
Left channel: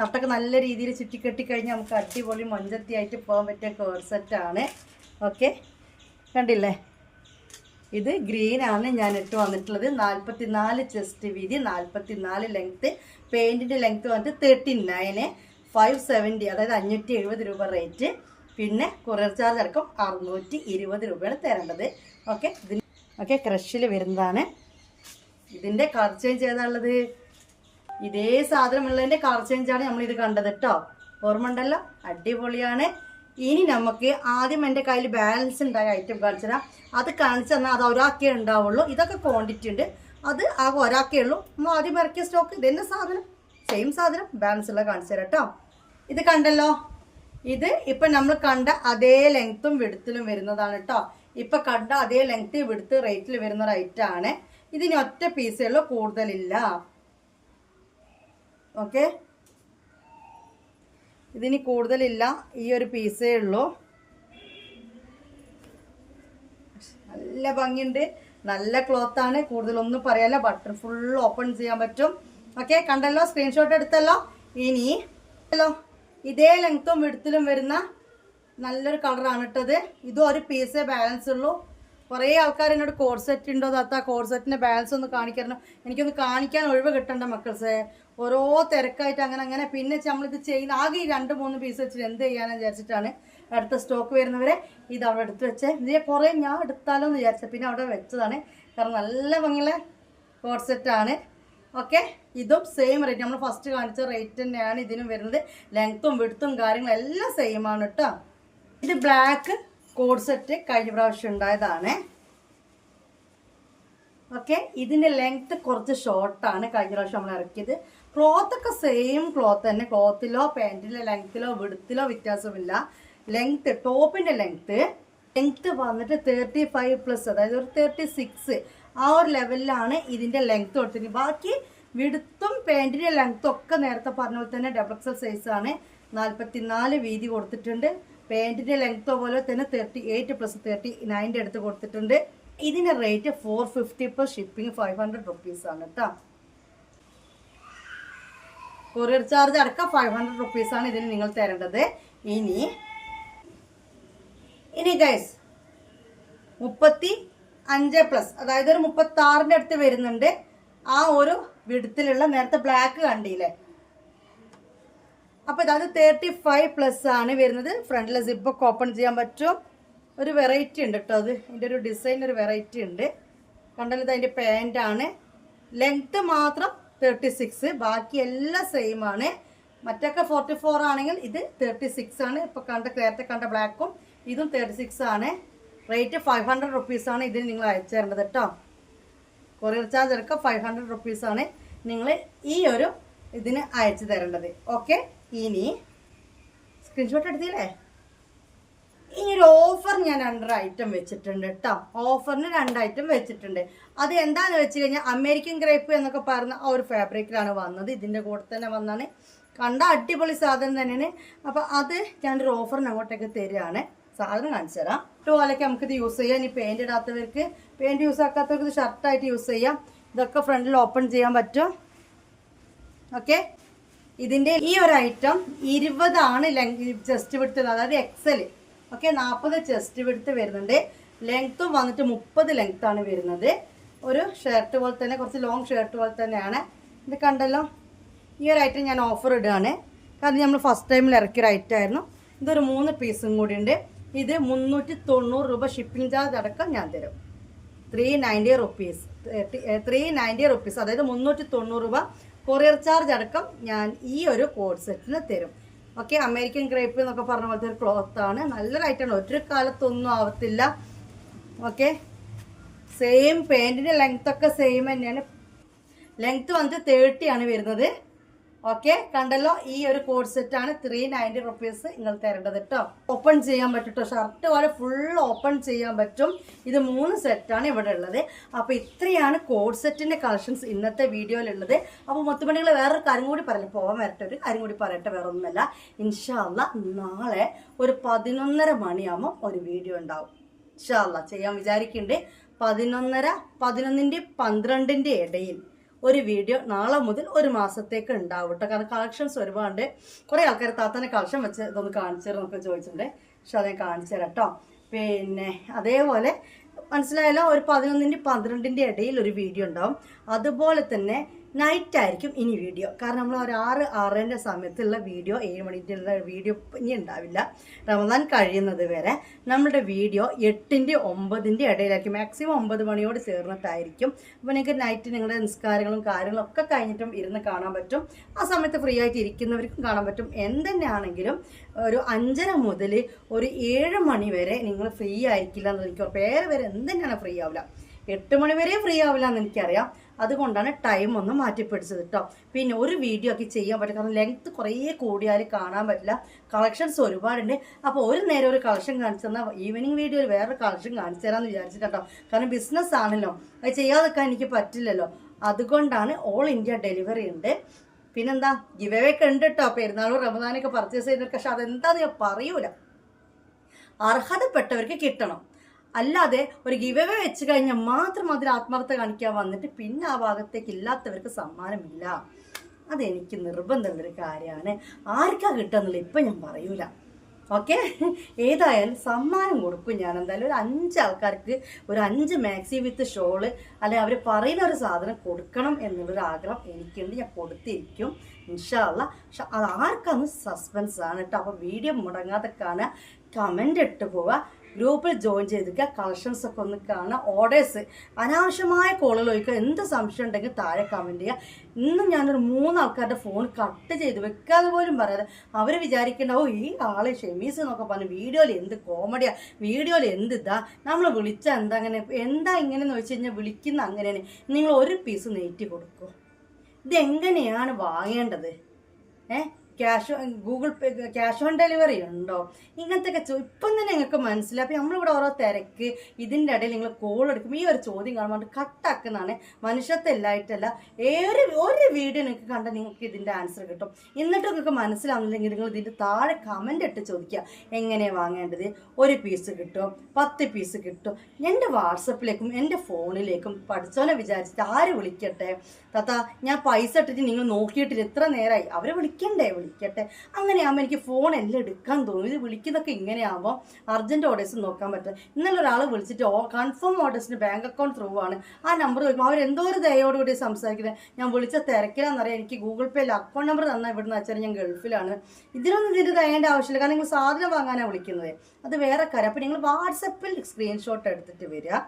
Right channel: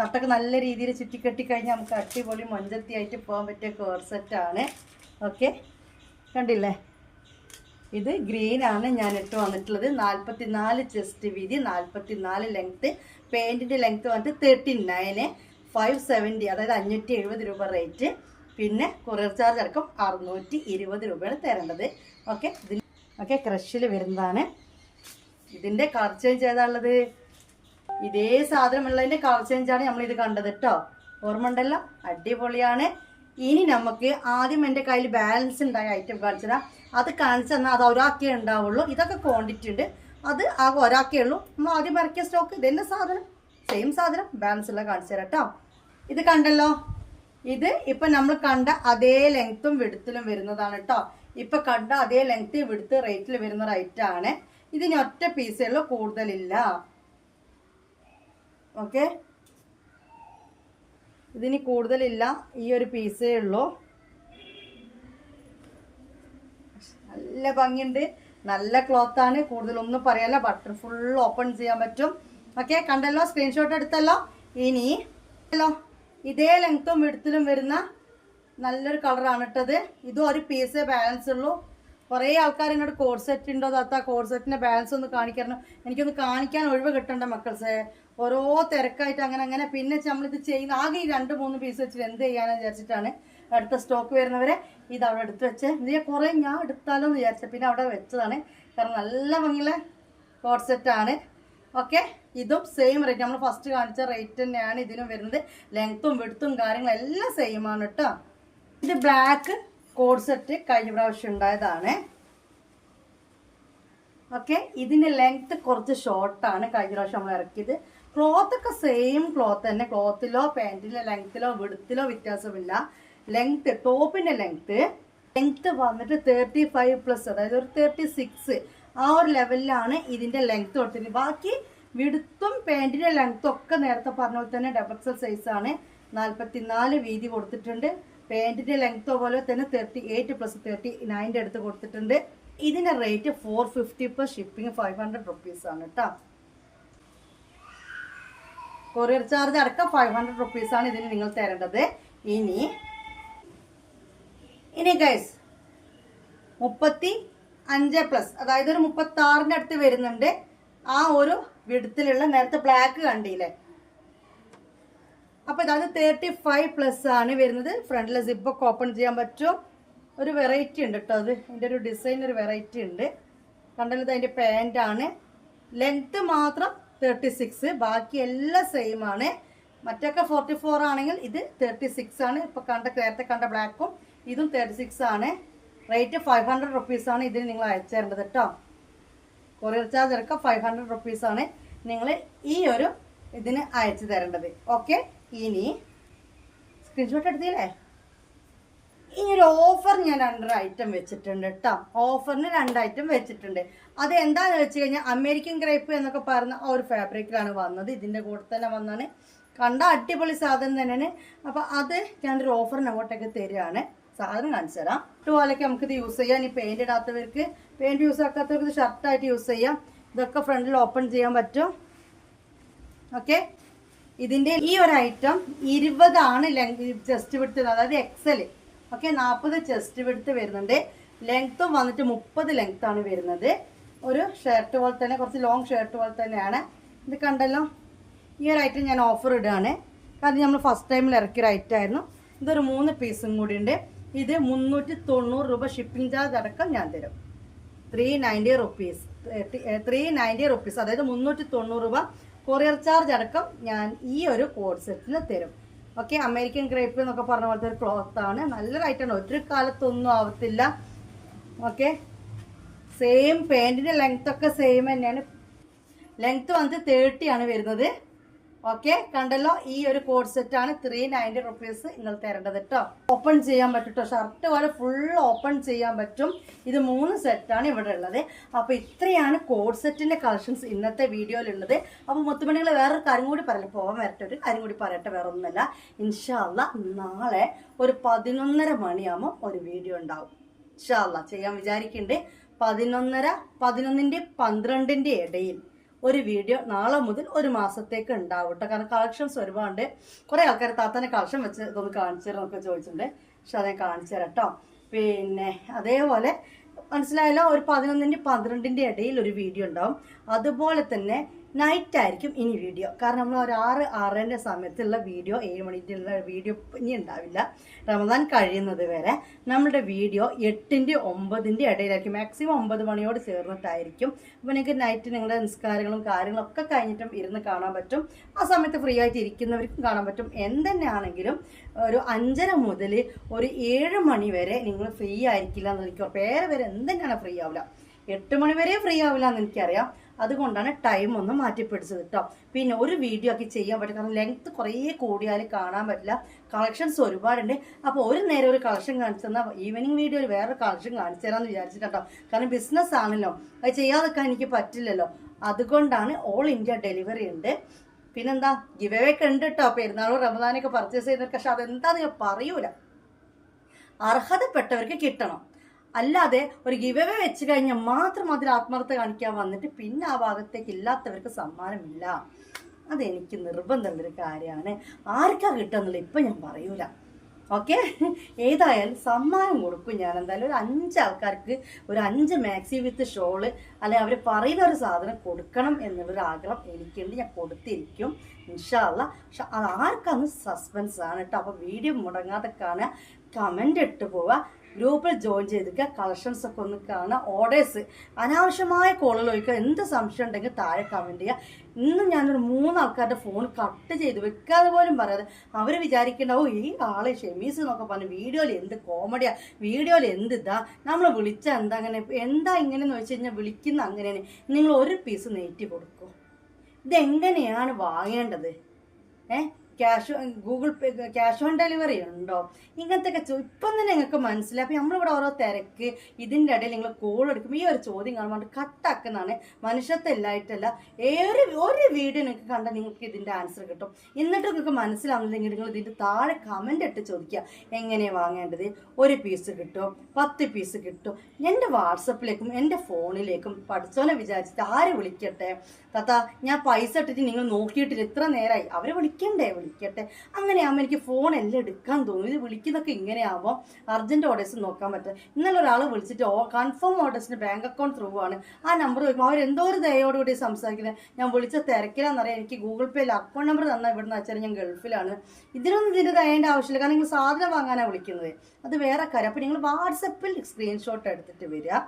തട്ടൊക്കെ നല്ല രീതിയിൽ ചുറ്റിക്കെട്ടി കഴിഞ്ഞാൽ നമുക്ക് അടിപൊളി മൊഞ്ചത്തിയായിട്ട് പോകാൻ പറ്റിയ കോർസെറ്റാണ്. ഓക്കെ, കണ്ടില്ലേ? ഇത് ഗ്രീനാണ് ഞാൻ ഇട്ട് വന്നിട്ടുള്ളത്. 44 ചെസ്റ്റ് വീതി, 44 ലെങ്ത്ത്. പെയിൻറ്റിൻ്റെ ലെങ്ത്ത് വന്നിട്ട് 39, 570, അതായത് 570 രൂപ റേറ്റ്. പിന്നെ കൊറിയർ ചാർജ് അടക്കം 620 രൂപയാണ് തരേണ്ടത്. ഓക്കെ, ഓക്കെ, ക്രഷിൽ വരുന്നതാണ്. ഇതിൻ്റെ കളർ ചേഞ്ച് ഏതാണുള്ളത്? ഇതേ സാധനമുള്ളതിൻ്റെ കളർ ചേഞ്ചാണ് നമ്മളിത് കണ്ടത് കേട്ടോ. ഓർമ്മ ഉണ്ടല്ലോ, അടിപൊളിയാണ്. ഇനി നമുക്ക് ആദ്യം എൻ്റെ കയ്യിൽ ബാലൻസ് ഉണ്ടായ ഐറ്റം കാണിച്ചതാ. അത് കാണിച്ചു തന്നാൽ അത് ഒരാക്കേ ഉണ്ടാവുള്ളൂ. ഇതൊക്കെ ക്വാണ്ടിറ്റി ഉണ്ട്, അത് ആകെ ഒരാക്കേ ഉള്ളൂ. നമ്മൾ ആദ്യം ഇറക്കിയ സ്റ്റോക്ക് ഇതെന്നെ സാധനം, സെയിം സാധനം, ബാലൻസ് ഉള്ള കാണിച്ചു തരാം കേട്ടോ. ഇത് കണ്ടല്ലോ, ഇത് ഇപ്പം നമ്മൾ കണ്ട അതേ ലെങ്ത്തും വിടുത്തിലും വരുന്നതാണ് കേട്ടോ. ഇപ്പം കണ്ട അതേ ലെങ്ത്ത് വിടുത്ത് റേറ്റിൽ വരുന്ന റേറ്റാണ്. ഇതിന് ഒറ്റ പീസേ ഉള്ളൂ, കൂടുതലില്ല. ഓക്കെ, ഇതിന് കൂടുതലില്ല, ഈ ഒരു പീസേ ഉള്ളൂ. നല്ല ഭംഗിയുണ്ട്, നല്ല ക്ലോത്താണ്, കൂടുതലൊന്നും പറയാല്ല. ബട്ടൺ ഫുൾ ഓപ്പൺ ചെയ്യാൻ പറ്റും. ഓക്കെ, കണ്ടല്ലോ, സ്ക്രീൻഷോട്ട് എടുത്തല്ലോ. ഇനി ഇതേ ലെങ്ത്തും വിഡ്ത്തിലും വരുന്ന നല്ലൊരു കളറാണ് ഇട്ടത്. ഇതും ഒരു പീസേ ബാലൻസ് ഉള്ളൂ. കുറേ ആൾക്കാർ എന്നോട് കോഡ് സെറ്റ് ഉണ്ടോ താത്ത, കോഡ് സെറ്റിൻ്റെ ബാലൻസ് ഒന്ന് കാണിക്കണം. എനിക്കൊന്ന് കാണിക്കാൻ ഒഴിവ് കിട്ടണ്ട മക്കൾസേ, ഓരോ തിരക്കായിട്ട് അങ്ങനെ. പിന്നെ നമ്മളിത് ചെയ്യുന്ന ആകെ ഈ 2-3 പീസ് വെച്ചിട്ട് എന്ത് ചെയ്യാനെന്ന് വിചാരിച്ചിട്ടാണ് അടുത്ത സ്റ്റോക്ക് വരുന്നവരെ ഇത് അവിടെ എടുത്ത് വെച്ച് ഇതിനെ കുറേ ഞാൻ എടുത്താലോ എന്ന് വിചാരിച്ചത്, പിന്നെ അവിടെ വെച്ചതാണ്. കാരണം നല്ല ഭംഗിയുള്ള കോഡ് സെറ്റാണ്. ഓക്കെ, ഇതും സെയിം റേറ്റ്, നമ്മൾ ഫസ്റ്റ് കാണിച്ച റേറ്റ് തന്നെയാണ് ഇതിനും വരുന്നത്. ലെങ്ത്തും വിഡ്ത്തും കാര്യങ്ങളും എല്ലാം സെയിം ആണ് കേട്ടോ. ഇത് ബ്ലാക്ക് കോഡ് സെറ്റ് കഴിഞ്ഞ പ്രാവശ്യം ഉണ്ടായതാണ്. ഓക്കെ, ഇതിൻ്റെ ലെങ്ത്ത് കുറച്ച് ഷോർട്ടാണ് കഴിഞ്ഞ പ്രാവശ്യം നമ്മൾ ഇറക്കിയത്. ക്ലോത്തൊക്കെ സെയിം ക്ലോത്ത് തന്നെ, ക്ലോത്തിലോ പാൻറ്റിൻ്റെ ലെങ്ത്തിലോ വിഡ്ത്തിലോ വ്യത്യാസമില്ല. ലെങ്ത്ത്, ടോപ്പിൻ്റെ ലെങ്ത്ത് വന്നിട്ട് 35+, അതായത് ഒരു 36 ആ ഒരു ലെവലിലാണ് ഇതിൻ്റെ ലെങ്ത്ത് കൊടുത്തിരിക്കുന്നത്. ബാക്കി വിഡ്ത്തും പാൻറ്റിൻ്റെ ലെങ്ത്തും ഒക്കെ നേരത്തെ പറഞ്ഞ പോലെ തന്നെ XXL സൈസാണ്. 44 വീതി കൊടുത്തിട്ടുണ്ട്. പാൻറ്റിൻ്റെ ലെങ്ത്ത് പോലെ തന്നെ 38+39 എടുത്ത് കൊടുത്തിട്ടുണ്ട്. ഇതിൻ്റെ റേറ്റ് 450 പ്ലസ് ഷിപ്പിംഗ് 500 റുപ്പീസാണ് കേട്ടോ. കൊറിയർ ചാർജ് അടക്കം 500 റുപ്പീസാണ് ഇതിന് നിങ്ങൾ തരേണ്ടത്. ഇനി ഗൈസ് 35+, അതായത് ഒരു 36ൻ്റെ അടുത്ത് വരുന്നുണ്ട്. ആ ഒരു വിഡ്ത്തിലുള്ള നേരത്തെ ബ്ലാക്ക് കണ്ടില്ലേ, അപ്പോൾ അതായത് 35+ ആണ് വരുന്നത്. ഫ്രണ്ടിലെ സിപ്പൊക്കെ ഓപ്പൺ ചെയ്യാൻ പറ്റും. ഒരു വെറൈറ്റി ഉണ്ട് കേട്ടോ, അത് ഇതിൻ്റെ ഒരു ഡിസൈൻ ഒരു വെറൈറ്റി ഉണ്ട്. കണ്ടല്ലോ, അതിൻ്റെ പാൻറ്റാണ്. ലെങ്ത്ത് മാത്രം 36, ബാക്കി എല്ലാം സെയിം ആണ്. മറ്റൊക്കെ 44 ആണെങ്കിൽ ഇത് 36 ആണ്. ഇപ്പോൾ നേരത്തെ കണ്ട ബ്ലാക്കും ഇതും 36 ആണ്. റേറ്റ് 500 റുപ്പീസാണ് ഇതിന് നിങ്ങൾ അയച്ചു തരേണ്ടത് കേട്ടോ. കൊറിയർ ചാർജ് അടക്കം 500 റുപ്പീസാണ് നിങ്ങൾ ഈ ഒരു ഇതിന് അയച്ചു തരേണ്ടത്. ഓക്കെ, ഇനി സ്ക്രീൻഷോട്ട് എടുത്തില്ലേ. ഇനി ഒരു ഓഫർ ഞാൻ 2 ഐറ്റം വെച്ചിട്ടുണ്ട് കേട്ടോ. ഓഫറിന് 2 ഐറ്റം വെച്ചിട്ടുണ്ട്. അത് എന്താണെന്ന് വെച്ച് കഴിഞ്ഞാൽ അമേരിക്കൻ ഗ്രേപ്പ് എന്നൊക്കെ പറയുന്ന ആ ഒരു ഫാബ്രിക്കിലാണ് വന്നത്. ഇതിൻ്റെ കൂടെ തന്നെ വന്നാണ്. കണ്ട അടിപൊളി സാധനം തന്നെയാണ്. അപ്പോൾ അത് ഞാനൊരു ഓഫറിന് അങ്ങോട്ടേക്ക് തരികയാണ്. സാധനം കാണിച്ചു തരാം. ഇതുപോലെയൊക്കെ നമുക്കിത് യൂസ് ചെയ്യാം. ഈ പെയിൻ്റ് ഇടാത്തവർക്ക്, പെയിൻറ് യൂസ് ആക്കാത്തവർക്ക് ഇത് ഷർട്ടായിട്ട് യൂസ് ചെയ്യാം. ഇതൊക്കെ ഫ്രണ്ടിൽ ഓപ്പൺ ചെയ്യാൻ പറ്റും. ഓക്കെ, ഇതിൻ്റെ ഈ ഒരു ഐറ്റം 20 ആണ് ചെസ്റ്റ് വിഡ്ത്ത്, അതായത് XL. ഓക്കെ, 40 ചെസ്റ്റ് വിഡ്ത്ത് വരുന്നുണ്ട്. ലെങ്ത്തും വന്നിട്ട് 30 ലെങ്ത്താണ് വരുന്നത്. ഒരു ഷർട്ട് പോലെ തന്നെ, കുറച്ച് ലോങ് ഷർട്ട് പോലെ തന്നെയാണ്. ഇത് കണ്ടല്ലോ, ഈ ഒരു ഐറ്റം ഞാൻ ഓഫർ ഇടുകയാണ്. കാരണം നമ്മൾ ഫസ്റ്റ് ടൈമിൽ ഇറക്കിയൊരു ഐറ്റം ആയിരുന്നു. ഇതൊരു 3 പീസും കൂടി ഉണ്ട്. ഇത് 390 രൂപ ഷിപ്പിംഗ് ചാർജ് അടക്കം ഞാൻ തരും. 390 റുപ്പീസ്, അതായത് 390 രൂപ കൊറിയർ ചാർജ് അടക്കം ഞാൻ ഈ ഒരു കോഡ് സെറ്റിന് തരും. ഓക്കെ, അമേരിക്കൻ ഗ്രേപ്പ് എന്നൊക്കെ പറഞ്ഞ പോലത്തെ ഒരു ക്ലോത്താണ്. നല്ലൊരു ഐറ്റമാണ്, ഒരു കാലത്തൊന്നും ആവത്തില്ല. ഓക്കെ, സെയിം പാൻറ്റിൻ്റെ ലെങ്ത്തൊക്കെ സെയിം തന്നെയാണ്. ലെങ്ത്ത് വന്നിട്ട് 30 ആണ് വരുന്നത്. ഓക്കെ, കണ്ടല്ലോ, ഈ ഒരു കോഡ് സെറ്റാണ് 390 റുപ്പീസ് നിങ്ങൾ തരേണ്ടത് കേട്ടോ. ഓപ്പൺ ചെയ്യാൻ പറ്റും കേട്ടോ, ഷർട്ട് പോലെ ഫുൾ ഓപ്പൺ ചെയ്യാൻ പറ്റും. ഇത് 3 സെറ്റാണ് ഇവിടെ ഉള്ളത്. അപ്പോൾ ഇത്രയാണ് കോഡ് സെറ്റിൻ്റെ കളക്ഷൻസ് ഇന്നത്തെ വീഡിയോയിലുള്ളത്. അപ്പോൾ മുത്തുമണികൾ വേറൊരു കാര്യം കൂടി പറയില്ല, പോകാൻ വരട്ടെ, ഒരു കാര്യം കൂടി പറയട്ടെ, വേറെ ഒന്നുമല്ല. ഇൻഷാ അല്ലാ നാളെ ഒരു 11:30 മണിയാകുമ്പോൾ ഒരു വീഡിയോ ഉണ്ടാവും. ഇൻഷാ അല്ലാ ചെയ്യാൻ വിചാരിക്കുന്നുണ്ട്. 11:30, 11ൻ്റെ 12ൻ്റെ ഇടയിൽ ഒരു വീഡിയോ നാളെ മുതൽ ഒരു മാസത്തേക്ക് ഉണ്ടാവും കേട്ടോ. കാരണം കളക്ഷൻസ് ഒരുപാട്. കുറേ ആൾക്കാർ താത്തന്നെ കളക്ഷൻ വെച്ച് ഇതൊന്ന് കാണിച്ചു തരാം എന്നൊക്കെ ചോദിച്ചിട്ടുണ്ട്. പക്ഷെ അത് ഞാൻ കാണിച്ചു തരാം കേട്ടോ. പിന്നെ അതേപോലെ മനസ്സിലായല്ലോ, ഒരു 11ൻ്റെ 12ൻ്റെ ഇടയിൽ ഒരു വീഡിയോ ഉണ്ടാവും. അതുപോലെ തന്നെ നൈറ്റ് ആയിരിക്കും ഇനി വീഡിയോ. കാരണം നമ്മൾ ഒരു 6-6:30 സമയത്തുള്ള വീഡിയോ, 7 മണിക്കുള്ള വീഡിയോ ഇനി ഉണ്ടാവില്ല. റമദാൻ കഴിയുന്നത് വരെ നമ്മുടെ വീഡിയോ 8ൻ്റെ 9ൻ്റെ ഇടയിലായിരിക്കും. മാക്സിമം 9 മണിയോട് ചേർന്നിട്ടായിരിക്കും. അപ്പോൾ നിങ്ങൾക്ക് നൈറ്റ് നിങ്ങളുടെ നിസ്കാരങ്ങളും കാര്യങ്ങളൊക്കെ കഴിഞ്ഞിട്ടും ഇരുന്ന് കാണാൻ പറ്റും. ആ സമയത്ത് ഫ്രീ ആയിട്ട് ഇരിക്കുന്നവർക്കും കാണാൻ പറ്റും. എന്തെന്നാണെങ്കിലും ഒരു 5:30 മുതൽ ഒരു 7 മണി വരെ നിങ്ങൾ ഫ്രീ ആയിരിക്കില്ല എന്ന് എനിക്ക് പേര് വരെ എന്തെന്നാണ് ഫ്രീ ആവില്ല. 8 മണി വരെ ഫ്രീ ആവില്ല എന്ന് എനിക്കറിയാം. അതുകൊണ്ടാണ് ടൈം ഒന്ന് മാറ്റിപ്പിടിച്ചത് കേട്ടോ. പിന്നെ ഒരു വീഡിയോ ആക്കി ചെയ്യാൻ പറ്റും. കാരണം ലെങ്ത്ത് കുറേ കൂടിയാൽ കാണാൻ പറ്റില്ല. കളക്ഷൻസ് ഒരുപാടുണ്ട്. അപ്പോൾ ഒരു നേരം ഒരു കളക്ഷൻ കാണിച്ചു തന്നാൽ ഈവനിങ് വീഡിയോയിൽ വേറൊരു കളക്ഷൻ കാണിച്ചു തരാമെന്ന് വിചാരിച്ചിട്ടോ. കാരണം ബിസിനസ് ആണല്ലോ, അത് ചെയ്യാതെക്കാൻ എനിക്ക് പറ്റില്ലല്ലോ. അതുകൊണ്ടാണ് ഓൾ ഇന്ത്യ ഡെലിവറി ഉണ്ട്. പിന്നെന്താ, ഗിവ് അവേ ഒക്കെ ഉണ്ട് കേട്ടോ. പെരുന്നാളും റമദാനൊക്കെ പർച്ചേസ് ചെയ്യുന്നവർക്ക്. പക്ഷെ അതെന്താന്ന് ഞാൻ പറയൂല. അർഹതപ്പെട്ടവർക്ക് കിട്ടണം. അല്ലാതെ ഒരു ഗിവ് അവേ വെച്ച് കഴിഞ്ഞാൽ മാത്രം അതിൽ ആത്മാർത്ഥത കാണിക്കാൻ വന്നിട്ട് പിന്നെ ആ ഭാഗത്തേക്ക് ഇല്ലാത്തവർക്ക് സമ്മാനമില്ല. അതെനിക്ക് നിർബന്ധമുള്ളൊരു കാര്യമാണ്. ആർക്കാ കിട്ടുക ഇപ്പം ഞാൻ പറയൂല. ഓക്കെ, ഏതായാലും സമ്മാനം കൊടുക്കും ഞാൻ. എന്തായാലും ഒരു 5 ആൾക്കാർക്ക് ഒരു 5 മാക്സി വിത്ത് ഷോള് അല്ലെ അവർ പറയുന്ന ഒരു സാധനം കൊടുക്കണം എന്നുള്ളൊരു ആഗ്രഹം എനിക്കുണ്ട്. ഞാൻ കൊടുത്തിരിക്കും ഇൻഷാ അല്ലാഹ്. പക്ഷെ അത് ആർക്കാന്ന് സസ്പെൻസ് ആണ് കേട്ടോ. അപ്പോൾ വീഡിയോ മുടങ്ങാതെ കാണുക, കമൻ്റ് ഇട്ട് പോവുക, ഗ്രൂപ്പിൽ ജോയിൻ ചെയ്തിരിക്കുക, കളക്ഷൻസ് ഒക്കെ ഒന്ന് കാണുക, ഓർഡേഴ്സ് അനാവശ്യമായ കോളുകൾ ചോദിക്കുക. എന്ത് സംശയം ഉണ്ടെങ്കിൽ താഴെ കമൻറ്റ് ചെയ്യുക. ഇന്നും ഞാനൊരു 3 ആൾക്കാരുടെ ഫോൺ കട്ട് ചെയ്ത് വെക്കാതെ പോലും പറയാതെ അവർ വിചാരിക്കേണ്ടാവും ഈ ആള് ഷെമീസ് എന്നൊക്കെ പറഞ്ഞു വീഡിയോയിൽ എന്ത് കോമഡിയാ, വീഡിയോയിൽ എന്ത് ഇതാ, നമ്മൾ വിളിച്ചാൽ എന്താ അങ്ങനെ എന്താ ഇങ്ങനെയെന്ന് വെച്ച് കഴിഞ്ഞാൽ വിളിക്കുന്ന അങ്ങനെയാണ്. നിങ്ങൾ ഒരു പീസ് നെയ്റ്റ് കൊടുക്കൂ. ഇതെങ്ങനെയാണ് വാങ്ങേണ്ടത്? Google Pay cash on delivery ഉണ്ടോ? ഇങ്ങനത്തെ ഒക്കെ ഇപ്പം തന്നെ നിങ്ങൾക്ക് മനസ്സിലായി. അപ്പം നമ്മളിവിടെ ഓരോ തിരക്ക് ഇതിൻ്റെ ഇടയിൽ നിങ്ങൾ കോൾ എടുക്കും. ഈ ഒരു ചോദ്യം കാണുമ്പോൾ കട്ടാക്കുന്നതാണ്. മനുഷ്യത്തെ എല്ലായിട്ടല്ല, ഒരു വീഡിയോ നിങ്ങൾക്ക് കണ്ടാൽ നിങ്ങൾക്ക് ഇതിൻ്റെ ആൻസർ കിട്ടും. എന്നിട്ട് നിങ്ങൾക്ക് മനസ്സിലാവുന്നില്ലെങ്കിൽ നിങ്ങൾ ഇതിൻ്റെ താഴെ കമൻ്റ് ഇട്ട് ചോദിക്കുക എങ്ങനെയാണ് വാങ്ങേണ്ടത്. 1 പീസ് കിട്ടുമോ, 10 പീസ് കിട്ടും. എൻ്റെ വാട്സപ്പിലേക്കും എൻ്റെ ഫോണിലേക്കും പഠിച്ചോനെ വിചാരിച്ചിട്ട് ആര് വിളിക്കട്ടെ താത്ത, ഞാൻ പൈസ ഇട്ടിട്ട് നിങ്ങൾ നോക്കിയിട്ടില്ല, എത്ര നേരമായി, അവരെ വിളിക്കട്ടെ. അങ്ങനെയാകുമ്പോൾ എനിക്ക് ഫോൺ എല്ലാം എടുക്കാൻ തോന്നും. ഇത് വിളിക്കുന്നതൊക്കെ ഇങ്ങനെയാകുമ്പോൾ അർജൻറ്റ് ഓർഡേഴ്സ് നോക്കാൻ പറ്റും. ഇന്നലെ ഒരാൾ വിളിച്ചിട്ട് കൺഫേം ഓർഡേഴ്സിന് ബാങ്ക് അക്കൗണ്ട് ത്രൂ ആണ്. ആ നമ്പർ വരുമ്പോൾ അവരെന്തോ ഒരു ദയോടുകൂടി സംസാരിക്കുന്നത്. ഞാൻ വിളിച്ച തിരക്കിലാണെന്നറിയാം, എനിക്ക് ഗൂഗിൾ പേയിൽ അക്കൗണ്ട് നമ്പർ തന്നാൽ ഇവിടുന്ന് വെച്ചാൽ ഞാൻ ഗൾഫിലാണ്. ഇതിന് ദയേണ്ട ആവശ്യമില്ല. കാരണം നിങ്ങൾ സാധനം വാങ്ങാനാണ് വിളിക്കുന്നത്, അത് വേറെ കാര്യം. അപ്പോൾ നിങ്ങൾ വാട്സപ്പിൽ സ്ക്രീൻഷോട്ട് എടുത്തിട്ട് വരിക.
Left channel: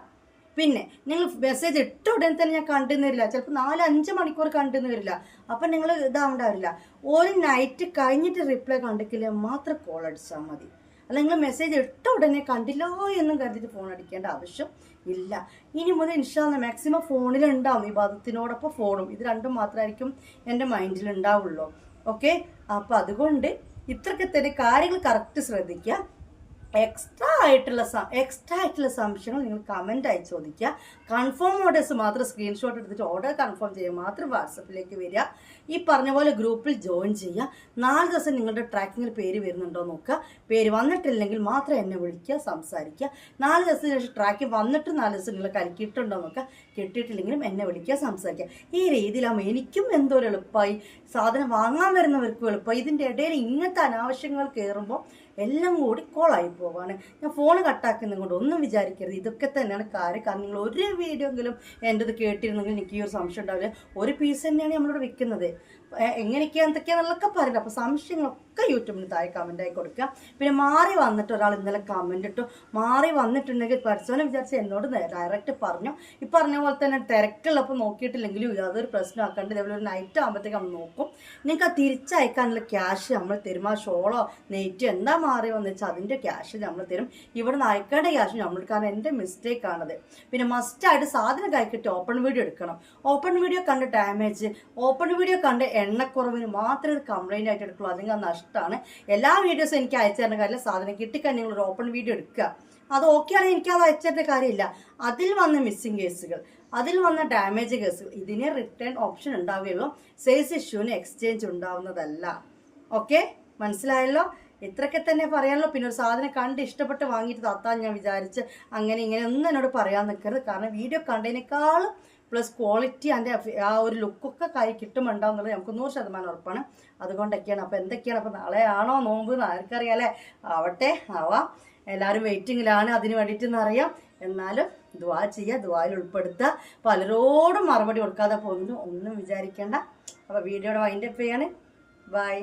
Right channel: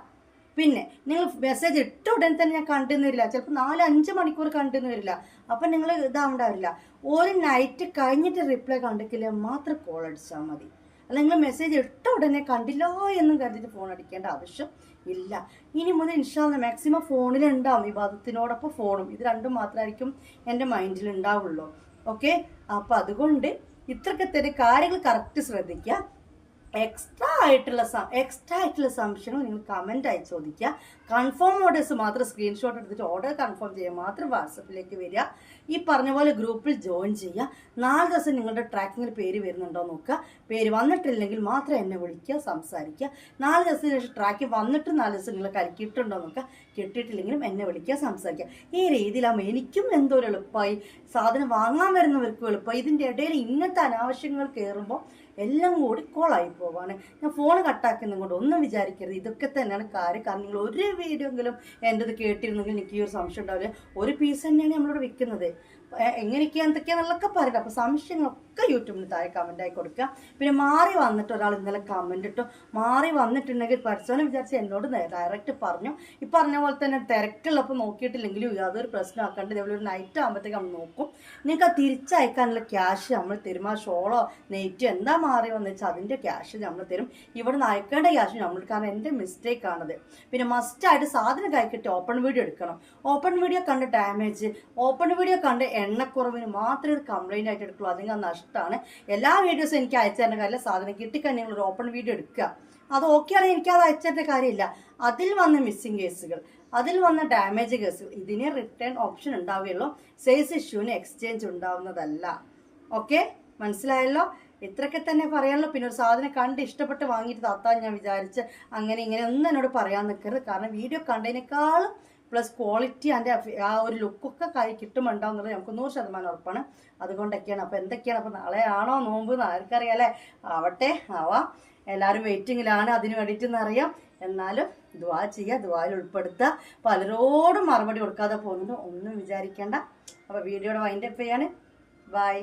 പിന്നെ നിങ്ങൾ മെസ്സേജ് ഇട്ട ഉടനെ തന്നെ ഞാൻ കണ്ടെന്ന് വരില്ല, ചിലപ്പോൾ 4-5 മണിക്കൂർ കണ്ടെന്ന് വരില്ല. അപ്പം നിങ്ങൾ ഇതാവണ്ടാവില്ല. ഒരു നൈറ്റ് കഴിഞ്ഞിട്ട് റിപ്ലൈ കണ്ടിട്ടില്ല മാത്രം കോൾ അടിച്ചാൽ മതി. അല്ല നിങ്ങൾ മെസ്സേജ് ഇട്ട ഉടനെ കണ്ടില്ല എന്നും കരുതിയിട്ട് ഫോൺ അടിക്കേണ്ട ആവശ്യം ഇല്ല. ഇനി മുതൽ ഇൻഷാ അല്ലാഹ് മാക്സിമം ഫോണിലുണ്ടാവും, ഇബാദത്തിനോടൊപ്പം ഫോണും. ഇത് രണ്ടും മാത്രമായിരിക്കും എൻ്റെ മൈൻഡിൽ ഉണ്ടാവുള്ളൂ. ഓക്കെ, അപ്പം അതുകൊണ്ട് ഇത്രയൊക്കെ തന്നെ കാര്യങ്ങൾ കറക്റ്റ് ശ്രദ്ധിക്കുക. എക്സ്ട്രാ ആയിട്ടുള്ള സംശയങ്ങൾ നിങ്ങൾ കമൻ്റായി ചോദിക്കുക. കൺഫേം ഓർഡേഴ്സ് മാത്രം സ്ക്രീൻഷോട്ട് എടുത്തിട്ട് ഓർഡർ കൺഫേം ചെയ്യുക മാത്രം വാട്സപ്പിലേക്ക് വരിക. ഈ പറഞ്ഞ പോലെ ഗ്രൂപ്പിൽ ജോയിൻ ചെയ്യുക. 4 ദിവസം നിങ്ങളുടെ ട്രാക്കിങ്ങിൽ പേര് വരുന്നുണ്ടോ നോക്കുക. പേര് വന്നിട്ടില്ലെങ്കിൽ മാത്രം എന്നെ വിളിക്കുക, സംസാരിക്കുക. 4 ദിവസത്തിന് ശേഷം ട്രാക്ക് വന്നിട്ട് 4 ദിവസം നിങ്ങൾ കലക്കിയിട്ടുണ്ടോ നോക്കുക. കിട്ടിയിട്ടില്ലെങ്കിലും എന്നെ വിളിക്കുക, സംസാരിക്കുക. ഈ രീതിയിലാകുമ്പോൾ എനിക്കും എന്തോ ഒരു എളുപ്പമായി, സാധനം വാങ്ങാൻ വരുന്നവർക്കും എളുപ്പമായി. ഇതിൻ്റെ ഇടയിൽ ഇങ്ങനത്തെ അനാവശ്യങ്ങൾ കയറുമ്പോൾ എല്ലാം കൂടി കോളായി പോവാണ്. ഞാൻ ഫോൺ കട്ടാക്കുന്നത് കൊണ്ട് ഒന്നും വിചാരിക്കരുത്. ഇതൊക്കെ തന്നെയാണ് കാര്യം. കാരണം നിങ്ങൾ ഒരു വീഡിയോ എങ്കിലും എൻ്റെ ഇത് കേട്ടിരുന്നെങ്കിൽ എനിക്ക് ഈ ഒരു സംശയം ഉണ്ടാവില്ല. 1 പീസ് തന്നെയാണ് നമ്മളിവിടെ വിൽക്കുന്നത്. എങ്ങനെയൊക്കെയാണ് എന്തൊക്കെയാണെന്നൊക്കെ പറയട്ടെ. അപ്പോൾ സംശയങ്ങളൊക്കെ യൂട്യൂബിന് താഴെ കമൻ്റായി കൊടുക്കുക. പിന്നെ മാറി വന്നിട്ട് ഒരാൾ ഇന്നലെ കമൻ്റ് ഇട്ടു. മാറി വന്നിട്ടുണ്ടെങ്കിൽ പഠിച്ചവനെ വിചാരിച്ച് എന്നോട് ഡയറക്റ്റ് പറഞ്ഞു. ഈ പറഞ്ഞ പോലെ തന്നെ തിരക്കുള്ളപ്പോൾ നോക്കിയിട്ടില്ലെങ്കിലും യാതൊരു പ്രശ്നമാക്കാണ്ട് ഇതേപോലെ ഒരു നൈറ്റ് ആകുമ്പോഴത്തേക്ക് നമ്മൾ നോക്കും. നിങ്ങൾക്ക് ആ തിരിച്ചയക്കാനുള്ള ക്യാഷ് നമ്മൾ തരും. ആ ഷോളോ നെയ്റ്റ് എന്താ മാറി വന്നു വെച്ചാൽ അതിൻ്റെ ക്യാഷ് നമ്മൾ തരും. ഇവിടെ നിന്ന് അയക്കേണ്ട ക്യാഷ് നമ്മൾ, കാരണം എൻ്റെ മിസ്റ്റേക്കാണത്. പിന്നെ മസ്റ്റായിട്ട് സാധനം കൈക്കിട്ട് ഓപ്പൺ വീഡിയോ എടുക്കണം. ഓപ്പൺ വീഡിയോ കണ്ട് ഡാമേജ്, ഓപ്പൺ വീഡിയോ കണ്ട് എണ്ണക്കുറവിന് മാത്രമേ ഇത് കംപ്ലൈൻ്റ് ആയിട്ട് എടുക്കുള്ളൂ. അതിന് നഷ്ടമാണ്. എല്ലാ വീഡിയോസും എനിക്ക് അയച്ചു തരുന്ന കാര്യമില്ല. സാധനം കിട്ടിക്കഴിഞ്ഞാൽ നിങ്ങൾ ഒരു ഓപ്പൺ വീഡിയോ എടുക്കുക. അത് ഓക്കെ ആണെങ്കിൽ എനിക്കത് അയച്ചു തരേണ്ട കാര്യമില്ല. അതിൽ വന്ന മിസ്സിങ് കേസുകൾ, അതിൽ വന്ന ഡാമേജ് കേസുകൾ, ഇതിന് റിട്ടേൺ ഓപ്ഷൻ ഉണ്ടാവുകയുള്ളൂ. സൈസ് ഇഷ്യൂവിന് എക്സ്ചേഞ്ച് ഉണ്ടാവുന്നതല്ല. ഓക്കെ, മനസ്സിലായല്ലോ? ഇത്രയൊക്കെ തന്നെ പറയാനുള്ളൂ. പിന്നെ ഒരു സാധനം കണ്ട് ഇഷ്ടപ്പെട്ട് വാങ്ങിയിട്ട് താത്താൻ ഞാൻ വിചാരിച്ച് അങ്ങനെ ഇങ്ങനെ ഒന്നും എന്നോട് പറയാൻ നിൽക്കരുത്. കാരണം വീഡിയോ കണ്ടതിനേക്കാളും പ്ലസ് ക്വാളിറ്റി അതിൻ്റെ ആ ഒരു ലുക്കൊക്കെ കൈ കിട്ടുമുണ്ടാവും എന്നുള്ളത് നമുക്ക് 100% ഉറപ്പാണ്. അതുകൊണ്ടൊക്കെയാണ്. അപ്പോൾ എന്തൊക്കെയാണ്, അപ്പോൾ നാളെ ആണോ നോമ്പ് എന്ന് ആർക്കറിയാലേ? ആവട്ടെ, ആവാം. എല്ലാവരും വെയിറ്റിങ്ങിലാണ് അതിന് വേണ്ടിയിട്ടെന്നറിയാം. എന്നാലും ദുആ ചെയ്യുക, ദുആയിൽ ഉൾപ്പെടുത്തുക. പലരോടും മറുപടി കൊടുക്കാതെ പോകുന്നുണ്ട്, ഒന്നും വിചാരിക്കേണ്ട. അപ്പോൾ വീഡിയോയുടെ വൈൻഡപ്പ് ചെയ്യാണ്. ബൈ.